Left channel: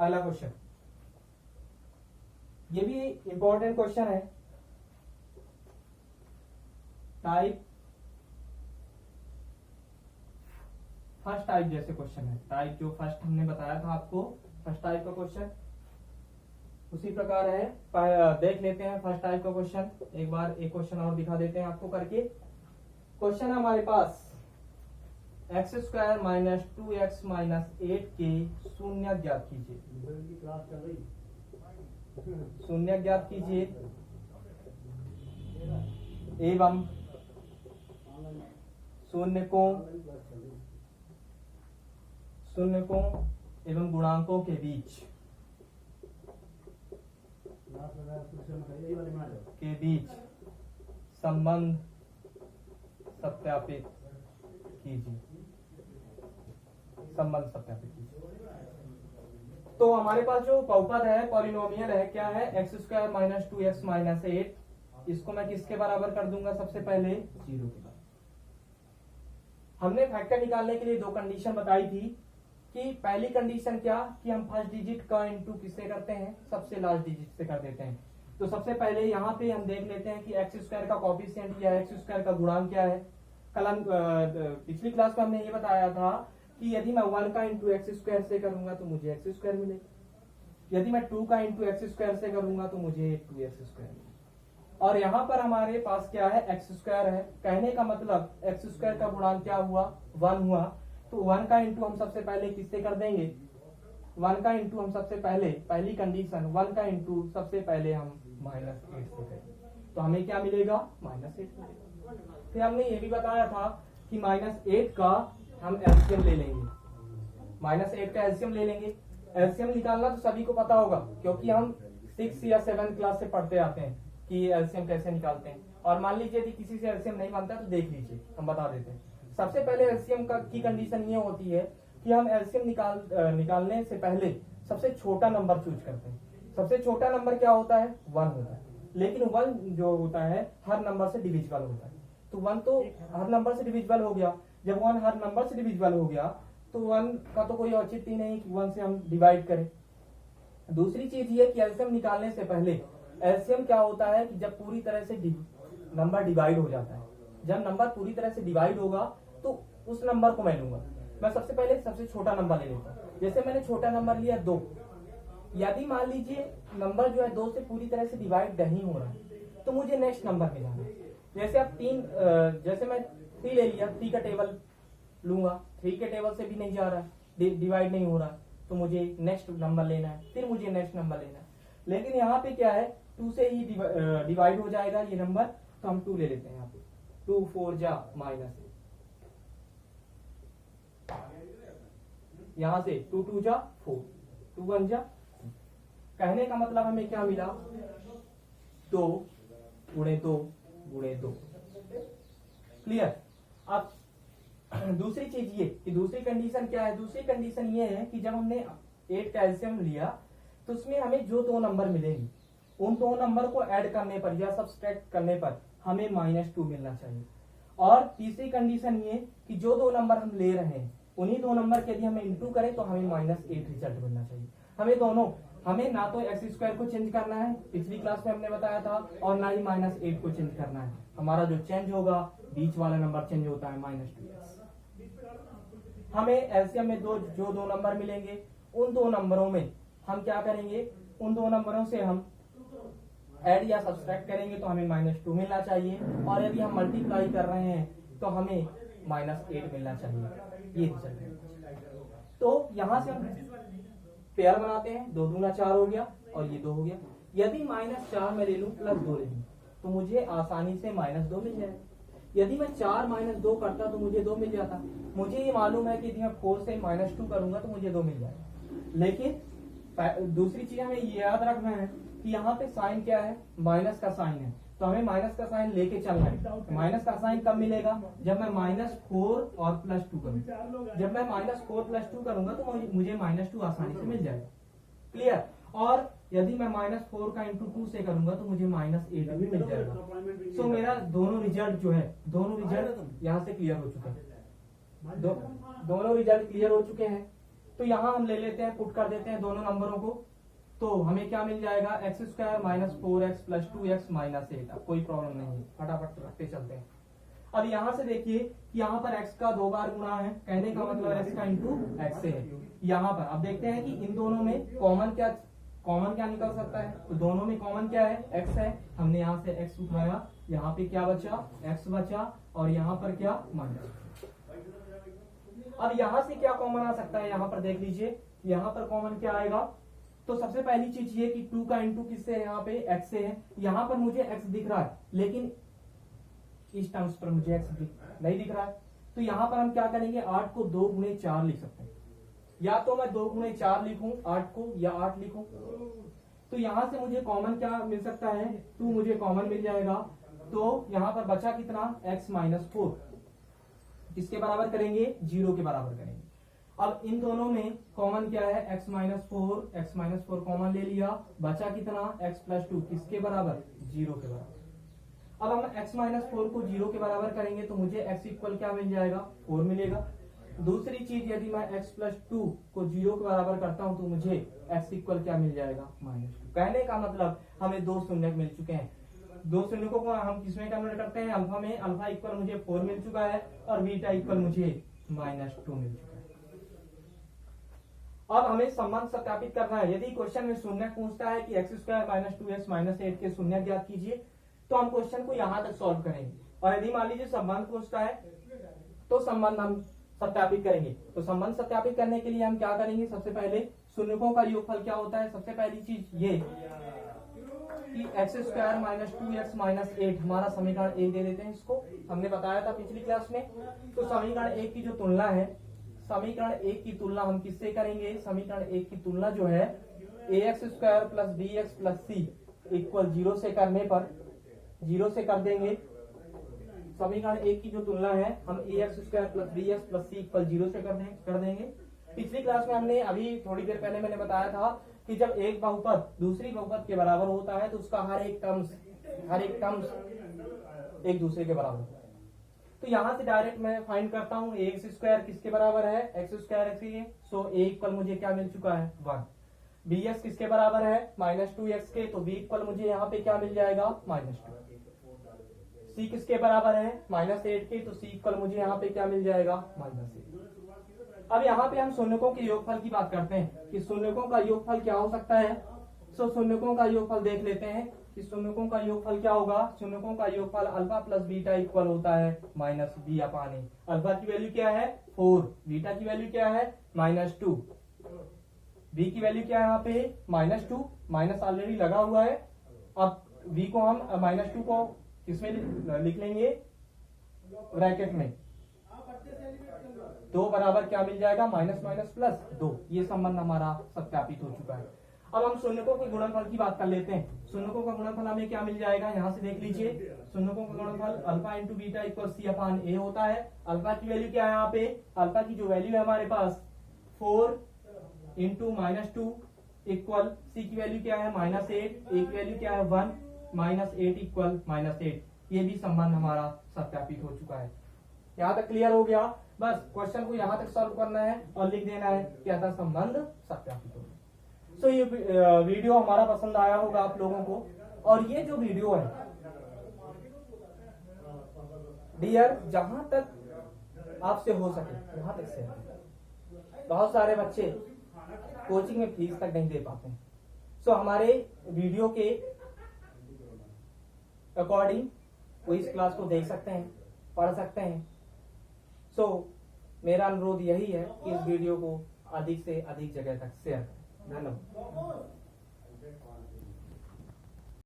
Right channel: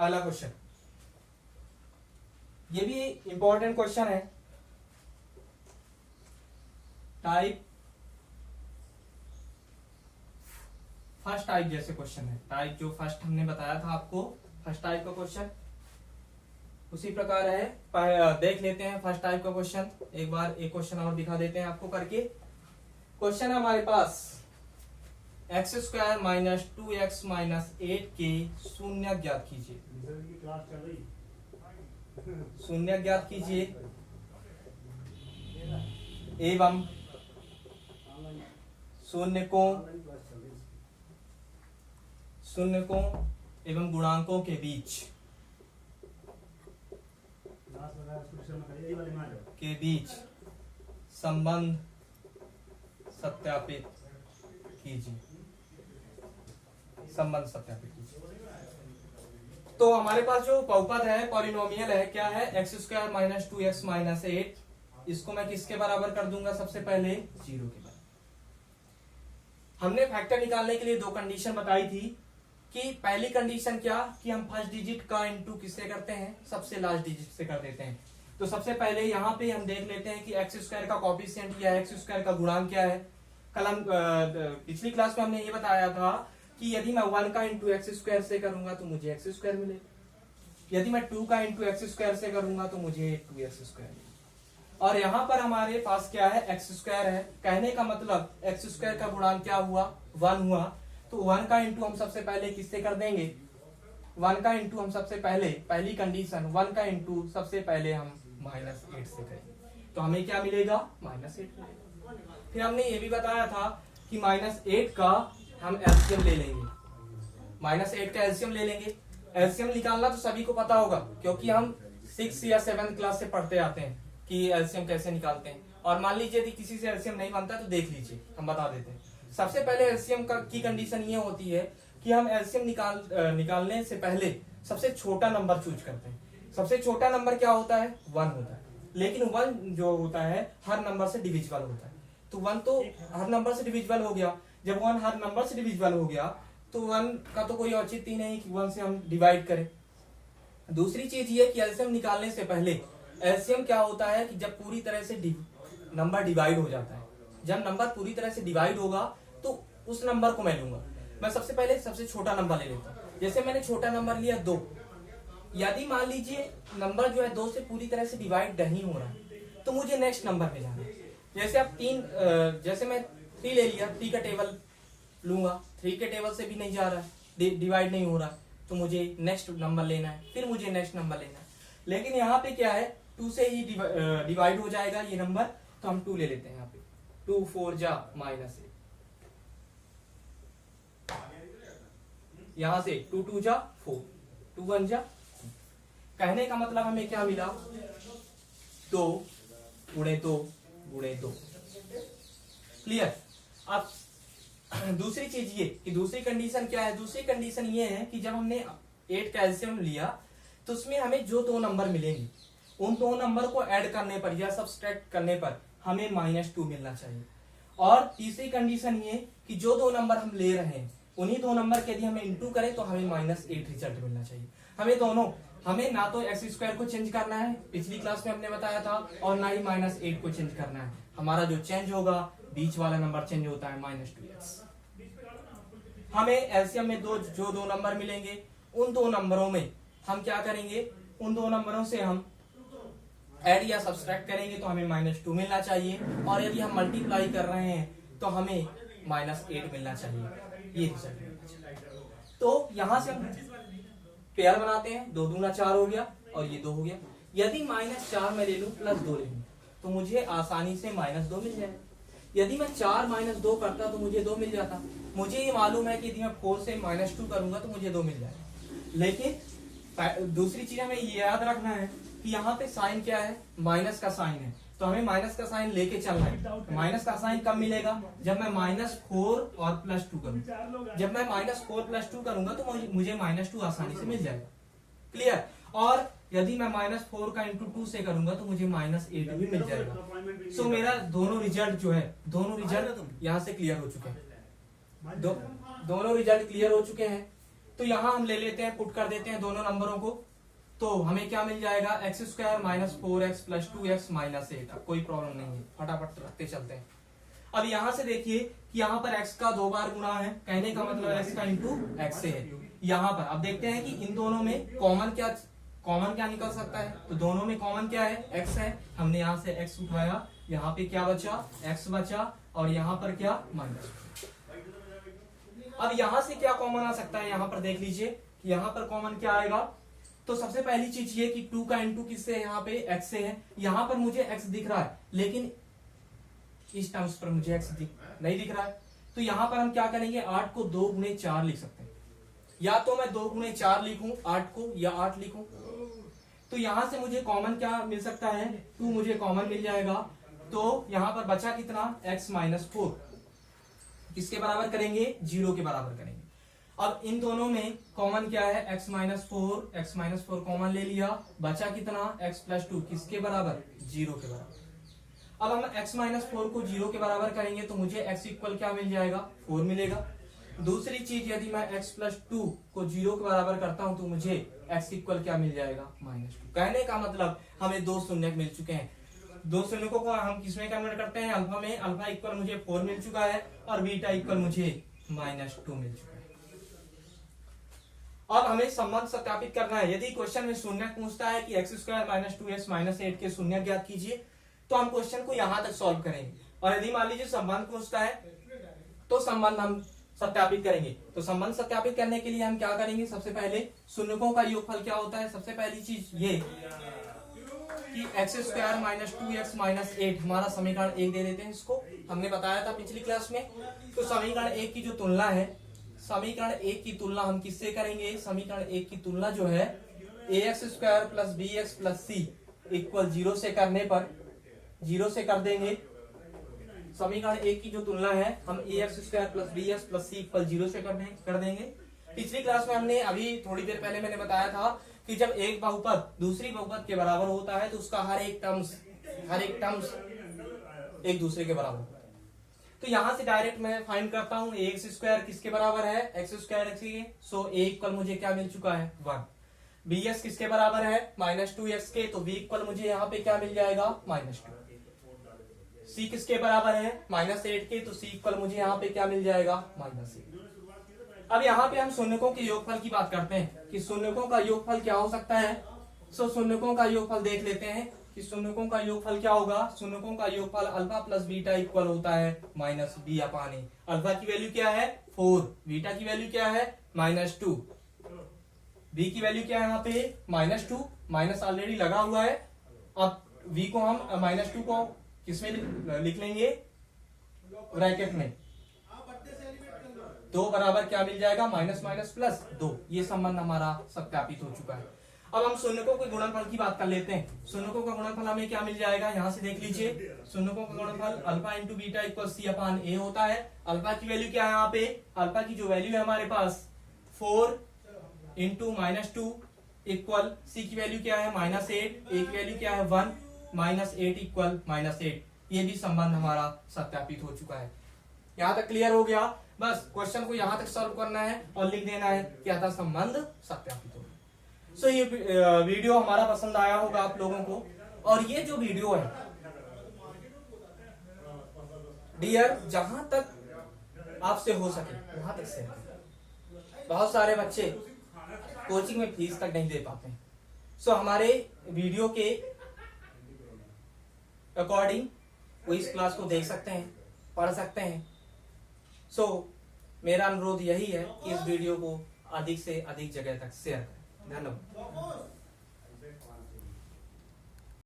अगला क्वेश्चन, ये भी इंपॉर्टेंट क्वेश्चन है। टाइप फर्स्ट टाइप जैसे क्वेश्चन है, टाइप जो फर्स्ट हमने बताया था आपको, फर्स्ट टाइप का क्वेश्चन उसी प्रकार है। देख लेते हैं फर्स्ट टाइप का क्वेश्चन, एक बार एक क्वेश्चन और दिखा देते हैं आपको करके। क्वेश्चन है हमारे पास x square minus 2x minus 8 के शून्य ज्ञात कीजिए। शून्य ज्ञात कीजिए एवं शून्य को एवं गुणांकों के बीच संबंध सत्यापित कीजिए। संबंध सत्यापित कीजिए। तो हमारे पास जो बहुपद है, पॉलिनोमियल है, क्या है, x square minus 2x minus 8। इसको मैं किसके बराबर कर दूंगा, सबसे पहले 0 के बराबर। हमने फैक्टर निकालने के लिए दो कंडीशन बताई थी कि पहली कंडीशन क्या, कि हम फर्स्ट डिजिट का इनटू किससे करते हैं, सबसे लास्ट डिजिट से कर देते हैं। तो सबसे पहले यहाँ पे हम देख लेते हैं कि एक्स स्क्वायर का कोएफिशिएंट या एक्स स्क्वायर का गुणांक क्या है। कल हम पिछली क्लास में हमने ये बताया था कि यदि मैं 1 का इंटू एक्स स्क्वायर से करूंगा तो मुझे एक्स स्क्वायर मिलेगा, यदि मैं 2 का इंटू एक्स स्क्वायर से करूंगा तो मुझे 2x स्क्वायर मिलेगा। और यहाँ पर हमारे पास क्या है, एक्स स्क्वायर है। कहने का मतलब एक्स स्क्वायर का गुणांक क्या हुआ, 1 हुआ। तो 1 का इंटू हम सबसे पहले किससे कर देंगे, 1 का इंटू हम सबसे पहले, पहली कंडीशन 1 का इंटू सबसे पहले हम -8 से करेंगे तो हमें क्या मिलेगा, -8 मिलेगा। फिर हमने ये भी बताया था कि -8 का हम एलसीएम ले लेंगे, -8 का एलसीएम ले लेंगे। एलसीएम निकालना तो सभी को पता होगा क्योंकि हम 6 या 7 क्लास से पढ़ते आते हैं कि एलसीएम कैसे निकालते हैं। और मान लीजिए यदि किसी से एलसीएम नहीं बनता तो देख लीजिए, हम बता देते हैं। सबसे पहले एलसीएम की कंडीशन ये होती है कि हम एलसीएम निकालने से पहले सबसे छोटा नंबर चूज करते हैं। सबसे छोटा नंबर क्या होता है, 1 होता है। लेकिन 1 जो होता है हर नंबर से डिविजिबल होता है। तो 1 तो हर नंबर से डिविजिबल हो गया। जब 1 हर नंबर से डिविजिबल हो गया तो 1 का तो कोई औचित्य नहीं कि 1 से हम डिवाइड करें। दूसरी चीज ये कि एलसीएम निकालने से पहले एलसीएम क्या होता है कि जब पूरी तरह से नंबर डिवाइड हो जाता है, जब नंबर पूरी तरह से डिवाइड होगा तो उस नंबर को मैं लूंगा। मैं सबसे पहले सबसे छोटा नंबर ले लेता हूँ। जैसे मैंने छोटा नंबर लिया 2। यदि मान लीजिए नंबर जो है 2 से पूरी तरह से डिवाइड नहीं हो रहा है तो मुझे नेक्स्ट नंबर में जाना है। जैसे अब 3, जैसे मैं 3 ले लिया, 3 का टेबल लूंगा, 3 के टेबल से भी नहीं जा रहा है, डिवाइड नहीं हो रहा, तो मुझे नेक्स्ट नंबर लेना है, फिर मुझे नेक्स्ट नंबर लेना है। लेकिन यहाँ पे क्या है, 2 से ही डिवाइड हो जाएगा ये नंबर, तो हम 2 ले लेते हैं। यहाँ पे 2 4 जा -8, यहाँ से 2 2 जा 4, 2 1 जा। कहने का मतलब हमें क्या मिला, 2 गुणे 2 गुणे 2। क्लियर। अब दूसरी चीज ये कि दूसरी कंडीशन क्या है, दूसरी कंडीशन ये है कि जब हमने 8 का एलसीएम लिया तो उसमें हमें जो 2 नंबर मिलेंगे उन 2 नंबर को ऐड करने पर या सब्सट्रैक्ट करने पर हमें -2 मिलना चाहिए। और तीसरी कंडीशन ये कि जो 2 नंबर हम ले रहे हैं उन्हीं 2 नंबर के यदि हमें इंटू करें तो हमें -8 रिजल्ट मिलना चाहिए। हमें ना तो एक्स स्क्वायर को चेंज करना है, पिछली क्लास में हमने बताया था, और ना ही -8 को चेंज करना है। हमारा जो चेंज होगा बीच वाला नंबर चेंज होता है -2x। हमें एलसीएम में जो 2 नंबर मिलेंगे उन 2 नंबरों में हम क्या करेंगे, उन 2 नंबरों से हम ऐड या सब्सट्रैक्ट करेंगे तो हमें -2 मिलना चाहिए। और यदि हम मल्टीप्लाई कर रहे हैं तो हमें -8 मिलना चाहिए। ये रिजल्ट। तो यहां से हम पेयर बनाते हैं, 2 दूना 4 हो गया और ये 2 हो गया। यदि -4 मैं ले लूं +2 ले लूं तो मुझे आसानी से -2 मिल जाएगा। यदि मैं 4 -2 करता तो मुझे 2 मिल जाता। मुझे ये मालूम है कि यदि मैं 4 से -2 करूंगा तो मुझे 2 मिल जाएगा। लेकिन दूसरी चीज हमें ये याद रखना है कि यहाँ पे साइन क्या है, माइनस का साइन है, तो हमें माइनस का साइन लेके चलना है। माइनस का साइन कब मिलेगा, जब मैं -4 और +2 करूँ। जब मैं -4 +2 करूंगा तो मुझे -2 आसानी से मिल जाएगा। क्लियर। और यदि मैं -4 का इंटू 2 से करूंगा तो मुझे -8 भी मिल जाएगा। सो मेरा दोनों रिजल्ट जो है, दोनों रिजल्ट यहाँ से क्लियर हो चुके हैं। दोनों रिजल्ट क्लियर हो चुके हैं। तो यहाँ हम ले लेते हैं, पुट कर देते हैं दोनों नंबरों को, तो हमें क्या मिल जाएगा x square minus 4x plus 2x minus 8। अब कोई प्रॉब्लम नहीं है, फटाफट रखते चलते हैं। अब यहाँ से देखिए कि यहाँ पर x का 2 बार गुणा है, कहने का मतलब x का इंटू x से है यहाँ पर। अब देखते हैं कि इन दोनों में कॉमन क्या निकल सकता है, तो दोनों में कॉमन क्या है, x है। हमने यहाँ से x उठाया, यहाँ पे क्या बचा, x बचा, और यहाँ पर क्या माइनस। अब यहाँ से क्या कॉमन आ सकता है, यहाँ पर देख लीजिए, यहाँ पर कॉमन क्या आएगा। तो सबसे पहली चीज ये कि 2 का इंटू किससे है, यहाँ पे x से है। यहाँ पर मुझे x दिख रहा है, लेकिन इस टर्म्स पर मुझे x नहीं दिख रहा है। तो यहाँ पर हम क्या करेंगे, 8 को 2 गुणे 4 लिख सकते हैं। या तो मैं 2 गुणे 4 लिखूं 8 को, या 8 लिखूं। तो यहाँ से मुझे कॉमन क्या मिल सकता है, 2 मुझे कॉमन मिल जाएगा। तो यहाँ पर बचा कितना, x माइनस 4, किसके बराबर करेंगे, 0 के बराबर करेंगे। अब इन दोनों में कॉमन क्या है, x माइनस 4 कॉमन ले लिया, बचा कितना, x प्लस 2, किसके बराबर, 0 के बराबर। अब हम x माइनस 4 को 0 के बराबर करेंगे तो मुझे x इक्वल क्या मिल जाएगा, 4 मिलेगा। दूसरी चीज, यदि मैं x प्लस 2 को 0 के बराबर करता हूं तो मुझे x इक्वल क्या मिल जाएगा, माइनस 2। कहने का मतलब हमें 2 शून्य मिल चुके हैं। 2 शून्यों को हम किसमें कन्वर्ट करते हैं, अल्फा में। अल्फा इक्वल मुझे 4 मिल चुका है, और बीटा इक्वल मुझे माइनस 2 मिल चुका है। अब हमें संबंध सत्यापित करना है। यदि क्वेश्चन में शून्य पूछता है कि x square minus 2x minus 8 के शून्य ज्ञात कीजिए, तो हम क्वेश्चन को यहां तक सॉल्व करेंगे। और यदि मान लीजिए संबंध पूछता है तो संबंध हम सत्यापित करेंगे। तो संबंध सत्यापित करने के लिए हम क्या करेंगे, सबसे पहले शून्यकों का योगफल क्या होता है। सबसे पहली चीज ये कि x square minus 2x minus 8 हमारा समीकरण 1 दे देते हैं। इसको हमने बताया था पिछली क्लास में। तो समीकरण 1 की जो तुलना है, समीकरण 1 की तुलना हम किससे करेंगे, समीकरण 1 की तुलना जो है ax square plus bx plus c equal 0 से करने पर 0 से कर देंगे। समीकरण 1 की जो तुलना है हम ax square plus bx plus c equal 0 से कर देंगे। पिछली क्लास में हमने, अभी थोड़ी देर पहले मैंने बताया था कि जब एक बहुपद दूसरी बहुपद के बराबर होता है तो उसका हर एक टर्म्स एक दूसरे के बराबर होता है। तो यहां से डायरेक्ट मैं फाइंड करता हूं ax स्क्वायर किसके बराबर है, एक्स स्क्वायर एक्स के। सो a इक्वल मुझे क्या मिल चुका है, 1। bs किसके बराबर है, माइनस 2x के, तो b इक्वल मुझे यहाँ पे क्या मिल जाएगा, माइनस 2। c किसके बराबर है, माइनस 8 के, तो c इक्वल मुझे यहाँ पे क्या मिल जाएगा, माइनस 8। अब यहाँ पे हम शून्यकों के योगफल की बात करते हैं कि शून्यकों का योगफल क्या हो सकता है। सो शून्यकों का योगफल देख लेते हैं कि शून्यकों का योगफल क्या होगा। शून्यकों का योगफल अल्फा प्लस बीटा इक्वल होता है माइनस बी अपान ए। अल्फा की वैल्यू क्या है 4, बीटा की वैल्यू क्या है माइनस 2, बी की वैल्यू क्या है यहाँ पे माइनस 2, माइनस ऑलरेडी लगा हुआ है। अब बी को हम माइनस 2 को किसमें लिख लेंगे, ब्रैकेट में। 2 बराबर क्या मिल जाएगा, माइनस माइनस प्लस 2। ये संबंध हमारा सत्यापित हो चुका है। अब हम शून्यकों के गुणनफल की बात कर लेते हैं। शून्यकों का गुणनफल हमें क्या मिल जाएगा, यहाँ से देख लीजिए। शून्यकों का गुणनफल alpha into beta equal c upon a होता है। अल्फा की वैल्यू क्या है यहाँ पे, अल्फा की जो वैल्यू है हमारे पास 4 इंटू माइनस 2 इक्वल सी की वैल्यू क्या है माइनस 8, ए की वैल्यू क्या है 1, माइनस 8 इक्वल माइनस 8। ये भी संबंध हमारा सत्यापित हो चुका है। यहाँ तक क्लियर हो गया। बस क्वेश्चन को यहाँ तक सॉल्व करना है और लिख देना है क्या था, संबंध सत्यापित हो गया। सो ये वीडियो हमारा पसंद आया होगा आप लोगों को। और ये जो वीडियो है डियर, जहां तक आपसे हो सके वहां तक से, बहुत सारे बच्चे कोचिंग में फीस तक नहीं दे पाते हैं। सो हमारे वीडियो के अकॉर्डिंग वो इस क्लास को देख सकते हैं, पढ़ सकते हैं। सो मेरा अनुरोध यही है कि इस वीडियो को अधिक से अधिक जगह तक शेयर करें। धन्यवाद।